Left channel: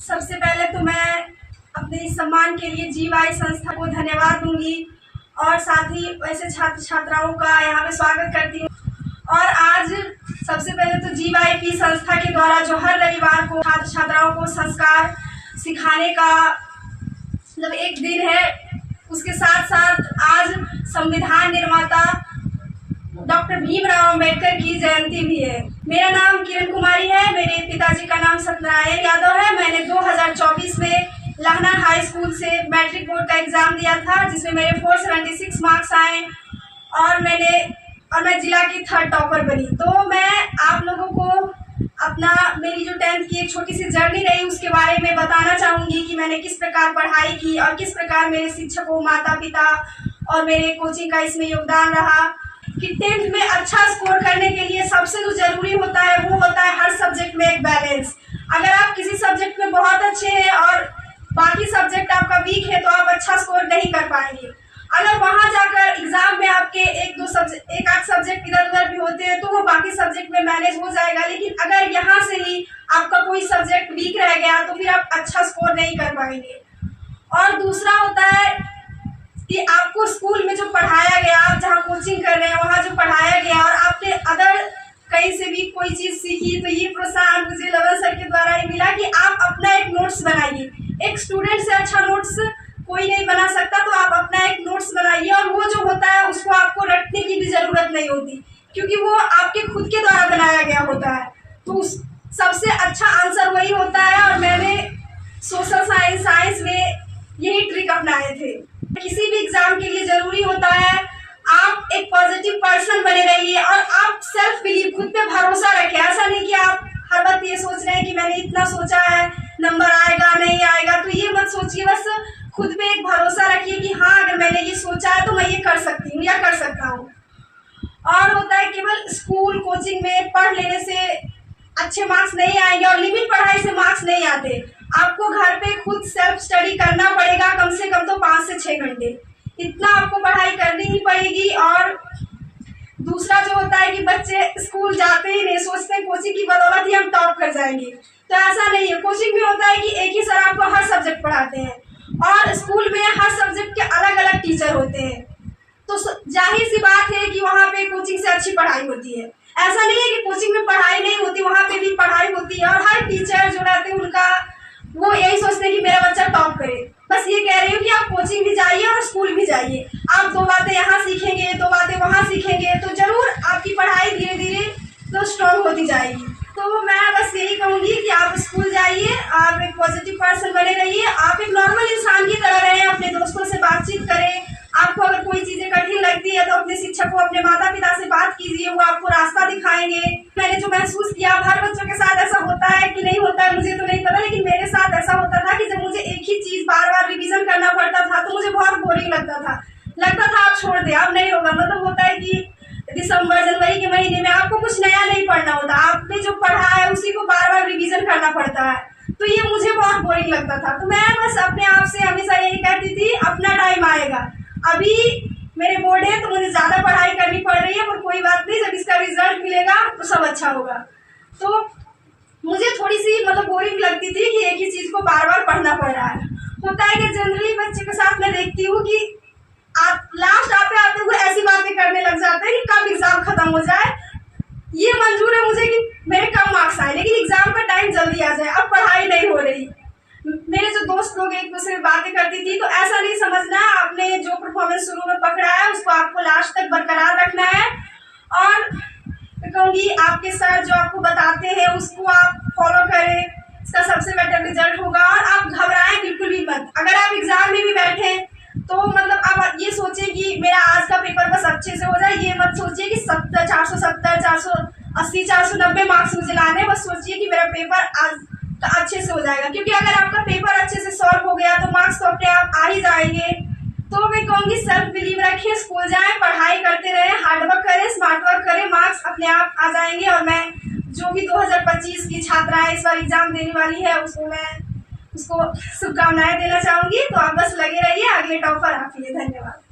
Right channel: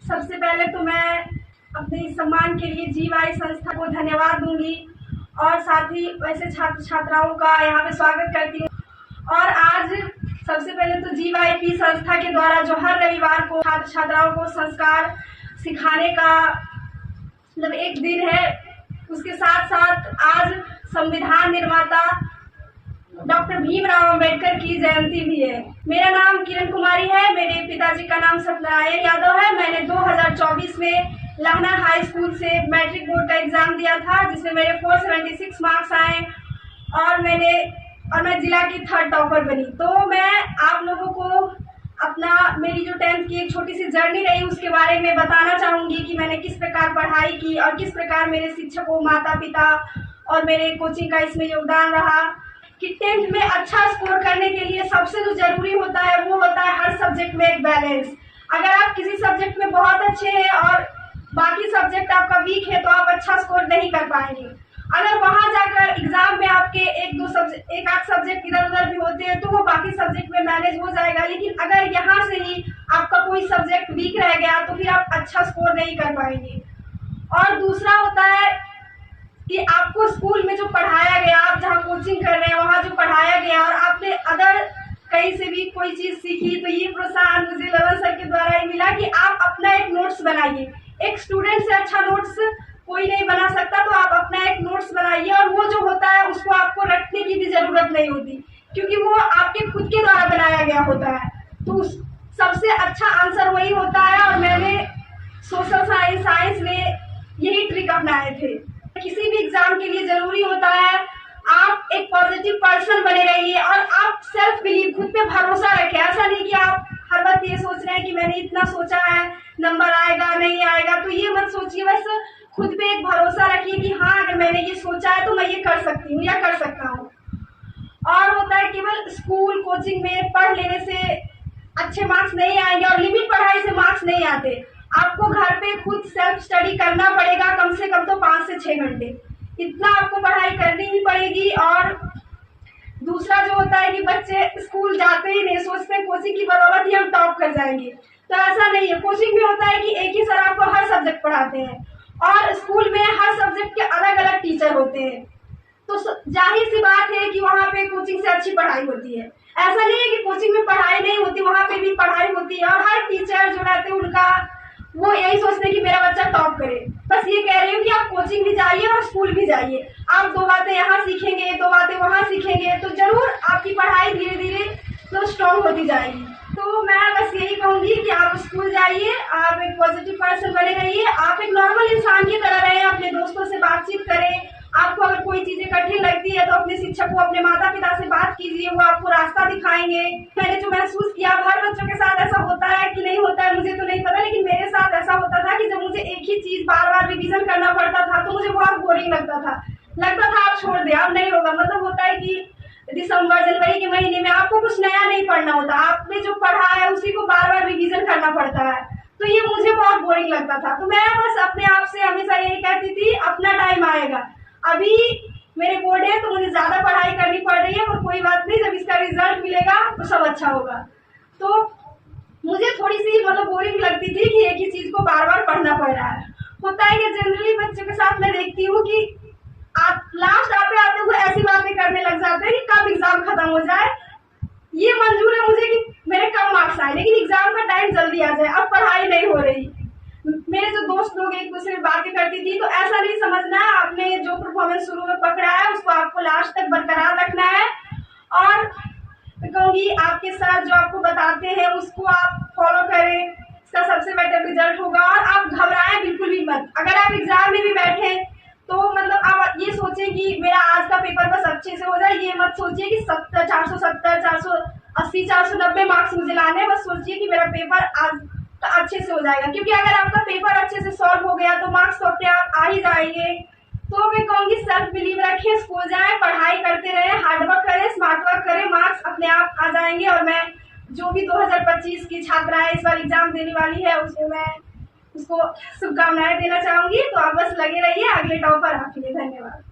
सबसे पहले तो मैं अपने इस सम्मान के लिए जीवाई संस्था को धन्यवाद दूंगी और साथ ही वैसे छात्र छात्राओं का यहाँ पे स्वागत करती हूँ। और आज सबसे पहले तो जीवाईपी संस्था के द्वारा जो हर रविवार को छात्र छात्राओं को संस्कार सिखाने का मतलब एक दिन है, उसके साथ साथ आज संविधान निर्माता डॉक्टर भीमराव अंबेडकर की जयंती भी है। मेरा नाम किरण कुमारी है, मेरे पिताजी का नाम सत्यनारायण यादव है। मैंने 2024 में लहना हाई स्कूल से मैट्रिक बोर्ड का एग्जाम दिया था, जिसमें मेरे 476 मार्क्स आए और मैं जिला की 3rd टॉपर बनी। तो मैं आप लोगों को मेरी जो 10th की एक छोटी सी जर्नी रही उसके बारे में बताना चाहूँगी कि मैंने किस प्रकार पढ़ाई की और किस प्रकार मेरे शिक्षकों, माता पिता और मेरे कोचिंग का इसमें योगदान रहा। कि 10th में अच्छा स्कोर करने के लिए सबसे जो जरूरी होता है वो होता है हर सब्जेक्ट में एक बैलेंस। अगर आप किसी सब्जेक्ट में बहुत अच्छे हैं और बाकी सब्जेक्ट आपका वीक है तो आप अच्छा स्कोर नहीं कर पाएंगे। अगर वहां जाकर एग्जाम में आपके एक आध सब्जेक्ट इधर उधर भी होते हैं तो वो बाकी सब्जेक्ट में मैनेज हो जाएगा, लेकिन अगर यहाँ से ही आपका कोई सब्जेक्ट वीक रह गया तो फिर आप अच्छा स्कोर नहीं कर पाएंगे। और दूसरा होता है कि आपको स्कूल में जो पढ़ाया गया, आप जहाँ कोचिंग कर रहे हैं वहाँ जो पढ़ाया गया और आपने अदर कहीं से भी कोई चीज़ सीखी, तो ये प्रोत्साहन मुझे ललन सर के द्वारा ही मिला कि आप अपना एक नोट्स बनाइए। एक स्टूडेंट से अच्छा नोट्स कोई नहीं बना सकता, तो आप अपना एक नोट्स बनाइए और वो जो होता है उसको आपको रटने की भी ज़रूरत नहीं होती, क्योंकि वो आपके खुद के द्वारा बनाया गया होता है। तो सबसे अच्छा आंसर वही होता है और मैंने सोशल साइंस में यही ट्रिक अपनाए थे। किसी भी एग्जाम के लिए जरूरी होता है आप एक पॉजिटिव पर्सन बने रहिए और आप सेल्फ बिलीव, खुद पे भरोसा रखें। ऐसा नहीं कि आप हर वक्त ये सोच रहे हैं कि मैंने इतना सोचा है, नंबर आएगा नहीं आएगा, तो ये मत सोचिए। बस खुद पे एक भरोसा रखिए कि हाँ, अगर मैंने ये सोचा है तो मैं ये कर सकती हूँ या कर सकता हूँ। और होता है केवल स्कूल कोचिंग में पढ़ लेने से अच्छे मार्क्स नहीं आएंगे और लिमिट पढ़ाई से मार्क्स नहीं आते। आपको घर पे खुद सेल्फ स्टडी करना पड़ेगा, कम से कम तो 5 से 6 घंटे इतना आपको पढ़ाई करनी ही पड़ेगी। और दूसरा जो होता है कि बच्चे स्कूल जाते ही नहीं, सोचते हैं कोचिंग की बदौलत ही हम टॉप कर जाएंगे, तो ऐसा नहीं है। कोचिंग में होता है कि एक ही सर आपको हर सब्जेक्ट पढ़ाते हैं और स्कूल में हर सब्जेक्ट के अलग अलग टीचर होते हैं, तो जाहिर सी बात है कि वहाँ पे कोचिंग से अच्छी पढ़ाई होती है। ऐसा नहीं है कि कोचिंग में पढ़ाई नहीं होती, वहाँ पे भी पढ़ाई होती है और हर टीचर जो रहते हैं उनका वो यही सोचते हैं कि मेरा बच्चा टॉप करे। बस ये कह रही हूँ कि आप कोचिंग भी जाइए और स्कूल भी जाइए। आप 2 बातें यहाँ सीखेंगे, 2 बातें वहाँ सीखेंगे, तो जरूर आपकी पढ़ाई धीरे धीरे तो स्ट्रॉन्ग होती जाएगी। तो मैं बस यही कहूँगी कि आप स्कूल जाइए, आप एक पॉजिटिव पर्सन बने रहिए, आप एक नॉर्मल इंसान की तरह रहें, अपने दोस्तों से बातचीत करें। आपको अगर कोई चीज़ें कठिन लगती है तो अपने शिक्षक को, अपने माता पिता से बात कीजिए, वो आपको रास्ता दिखाएंगे। मैंने जो महसूस किया, हर बच्चों के साथ ऐसा होता है कि नहीं होता है मुझे तो नहीं पता, लेकिन मेरे साथ ऐसा होता था कि जब मुझे एक ही चीज़ बार बार रिवीजन करना पड़ता था तो मुझे बहुत बोरिंग लगता था आप छोड़ दे, अब नहीं होगा। मतलब होता है कि दिसंबर जनवरी के महीने में आपको कुछ नया नहीं पढ़ना होता, आपने जो पढ़ा है उसी को बार बार रिवीजन करना पड़ता है, तो ये मुझे बहुत बोरिंग लगता था। तो मैं बस अपने आप से हमेशा यही कहती थी, अपना टाइम आएगा। अभी मेरे बोर्ड है तो मुझे ज़्यादा पढ़ाई करनी पड़ रही है, पर कोई बात नहीं, जब इसका रिजल्ट मिलेगा तो सब अच्छा होगा। तो मुझे थोड़ी सी मतलब बोरिंग लगती थी कि एक ही चीज़ को बार बार पढ़ना पड़ रहा है। होता है कि जनरली बच्चे के साथ मैं देखती हूँ कि आप लास्ट आते हुए ऐसी बातें करने लग जाते हैं कि कब एग्जाम खत्म हो जाए। ये मंजूर है मुझे कि मेरे कम मार्क्स आए, लेकिन एग्जाम का टाइम जल्दी आ जाए, अब पढ़ाई नहीं हो रही। मेरे जो दोस्त लोग एक दूसरे से बातें करती थी, तो ऐसा नहीं समझना है, आपने जो परफॉर्मेंस शुरू में पकड़ा है उसको आपको लास्ट तक बरकरार रखना है। और कहूँगी आपके सर जो आपको बताते हैं उसको आप फॉलो करें, इसका सबसे बेटर रिजल्ट होगा। और आप घबराएं बिल्कुल भी मत। अगर आप एग्जाम में भी बैठे तो मतलब आप ये सोचें कि मेरा आज का पेपर बस अच्छे से हो जाए, ये मत सोचिए कि 470, 480, 490 मार्क्स मुझे लाने, बस सोचिए कि मेरा पेपर आज अच्छे से हो जाएगा। क्योंकि अगर आपका पेपर अच्छे से सॉल्व हो गया तो मार्क्स तो अपने आप आ ही जाएंगे। तो मैं कहूँगी सेल्फ बिलीव रखिए, स्कूल जाएं, पढ़ाई करते रहें, हार्ड वर्क करें, स्मार्ट वर्क करें, मार्क्स अपने आप आ जाएंगे। और मैं जो भी 2025 की छात्राएं इस बार एग्जाम देने वाली है उसको शुभकामनाएं देना चाहूँगी। तो आप बस लगे रहिए, अगले टॉपर आप ही। धन्यवाद।